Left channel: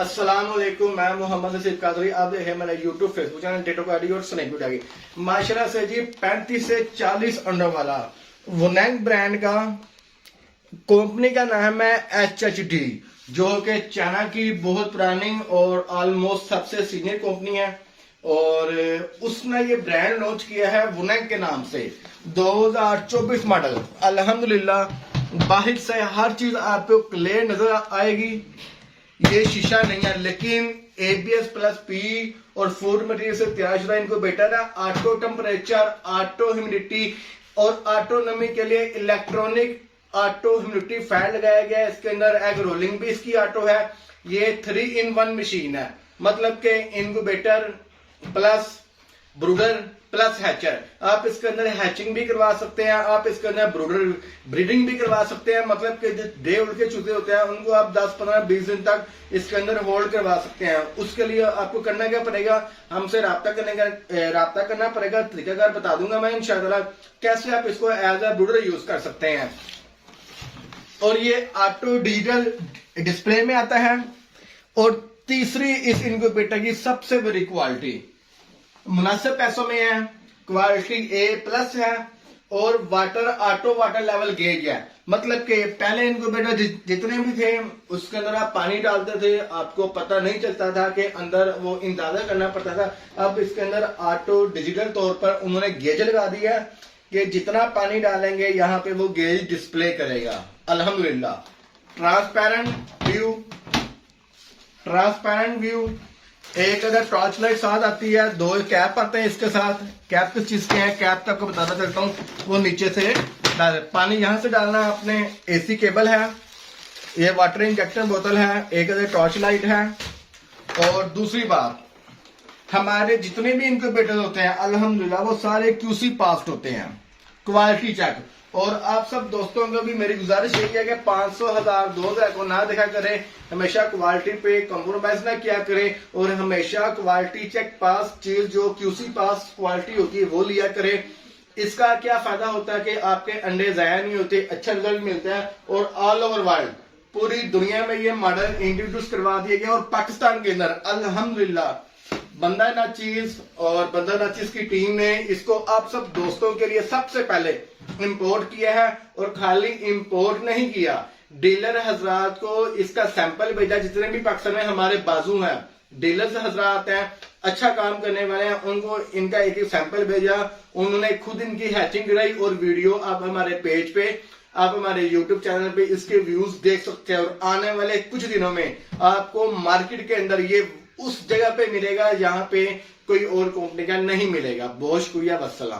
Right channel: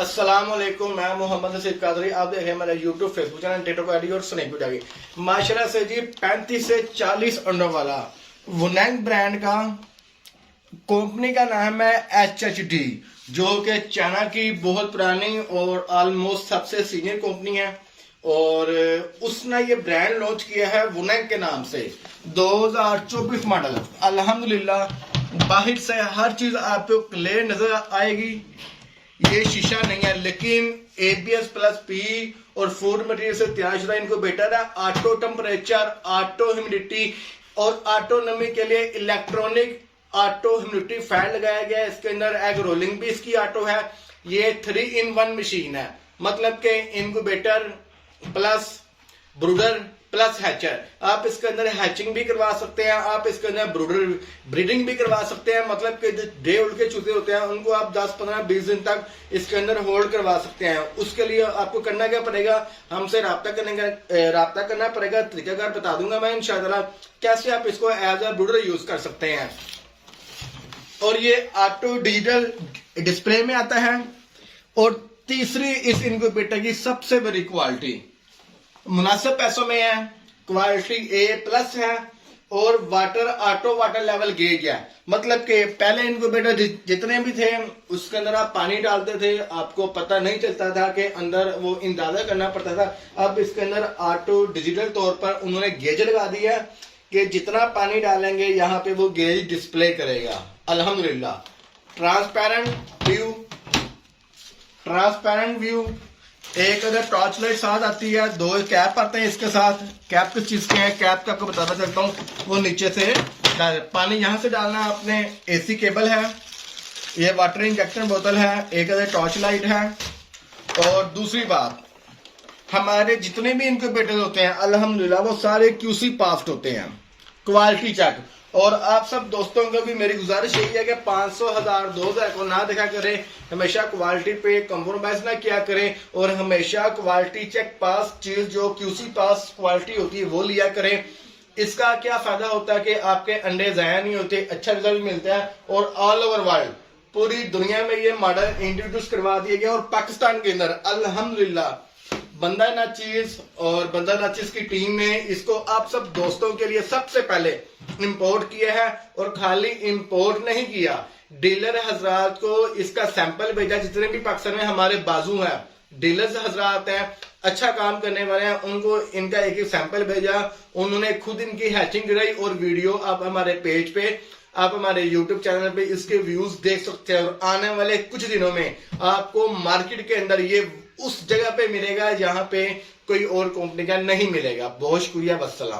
अस्सलामुअलैकुम, मैं मोहम्मद नसीब कादरी। आप देखें मेरा YouTube Facebook channel TikTok ID और स्नैपचैट आईडी। माशाल्लाह से जी 35 से 40 अंडर वाला वुनांग ब्रांड का कंपनी का नाम है HHD, जो कि चाइना की बहुत पुरानी और ऑलमोस्ट सबसे सीनियर कंपनी है। और उसने ये ब्रांड लॉन्च किया है वुनांग के नाम से 2024 मॉडल। अल्हम्दुलिल्लाह बाहर से हर चीज आपको क्लियर नजर आएगी। ये शीशा नहीं है, लेकिन ABS प्लस P और फूड मटेरियल से तैयार शुदा इनको बेटर है। ऑटो टेम्परेचर, ऑटो ह्यूमिडिटी और ऑटो नमी के लिए इलेक्ट्रॉनिक ऑटो ह्यूमिडिटी फैन लगाया गया है। इसके अंदर एग रोलिंग भी इसकी ऑटो है। ये 3-in-1 मशीन है, मतलब के इनक्यूबेटर प्लस ब्रूडर प्लस हैचर। आप इसके अंदर हैचिंग भी करवा सकते हैं, आप इसके अंदर ब्रूडर ब्रीडिंग भी करवा सकते हैं। मतलब कि जो डे ओल्ड के चूजे होते हैं उनको आप 10, 15, 20 दिन तक इसके अंदर होल्ड करवा सकते हैं। उसके लिए आपको करना क्या पड़ेगा, हमसे राब्ता करना पड़ेगा। तरीकाकार बता दूंगा मैं इंशाअल्लाह कैसे आप इसको एज ए ब्रूडर यूज कर सकते हैं। और ये ऑटो डिजिटल डिस्प्ले में आता है। और तीसरी इस इनक्यूबेटर की सबसे बड़ी क्वालिटी मुनासिब पैसों में है, क्वालिटी A+ है और ऑटो वाटर लेवल गेज है। मतलब कि पहले इनक्यूबेटर जितने भी थे उसके अंदर आप पानी डालते थे, आपको पता नहीं चलता था कि अंदर वो अंदाजा करना पड़ता था। अब इसके अंदर ऑटो डिजिटल तौर पर उन्होंने गेज लगा दिया कि जितना पानी डालेंगे यहाँ पे वो गेज डिस्प्ले करेगा। अल्हम्दुलिल्लाह ट्रांसपेरेंट व्यू। एक अगर टॉर्च लाइट साथ आती है, 2 कैप आते हैं इसके साथ। कैप किस चीज के हैं, कैप का आपको बताना चाहता हूँ। वो नीचे से पानी यहां से डालना आपने। AC केबल है, ये वाटर इंजेक्शन बोतल है, एक अगर टॉर्च लाइट है। और दूसरी बात, हमारे जितने भी इनक्यूबेटर होते हैं अल्हम्दुलिल्लाह वो सारे QC पास्ड होते हैं, क्वालिटी चेक। और आप सब दोस्तों को भी मेरी गुजारिश यही है कि 500, 1000, 2000 को ना देखा करें। हमेशा क्वालिटी पे कॉम्प्रोमाइज ना किया करें और हमेशा क्वालिटी चेक पास चीज जो QC पास क्वालिटी होती है वो लिया करें। इसका क्या फायदा होता है कि आपके अंडे जाया नहीं होते, अच्छा रिजल्ट मिलता है। और ऑल ओवर वर्ल्ड पूरी दुनिया में ये मॉडल इंट्रोड्यूस करवा दिया गया। और पाकिस्तान के अंदर अल्हम्दुलिल्लाह बंदा नाचीज की टीम ने इसको आप सब दोस्तों के लिए सबसे पहले इंपोर्ट किया है। और खाली इंपोर्ट नहीं किया, डीलर हजरात को इसका सैंपल भेजा। जितने भी पाकिस्तान में हमारे बाजू हैं, डीलर्स हजरात हैं, अच्छा काम करने वाले हैं, उनको इनका एक सैंपल भेजा। उन्होंने खुद इनकी हैचिंग कराई और वीडियो आप हमारे पेज पे, आप हमारे YouTube चैनल पे इसके व्यूज देख सकते हैं। और आने वाले कुछ दिनों में आपको मार्केट के अंदर ये उस जगह पे मिलेगा जहां पे कोई और कंपनी का नहीं मिलेगा। बहुत शुक्रिया, वस्सलाम।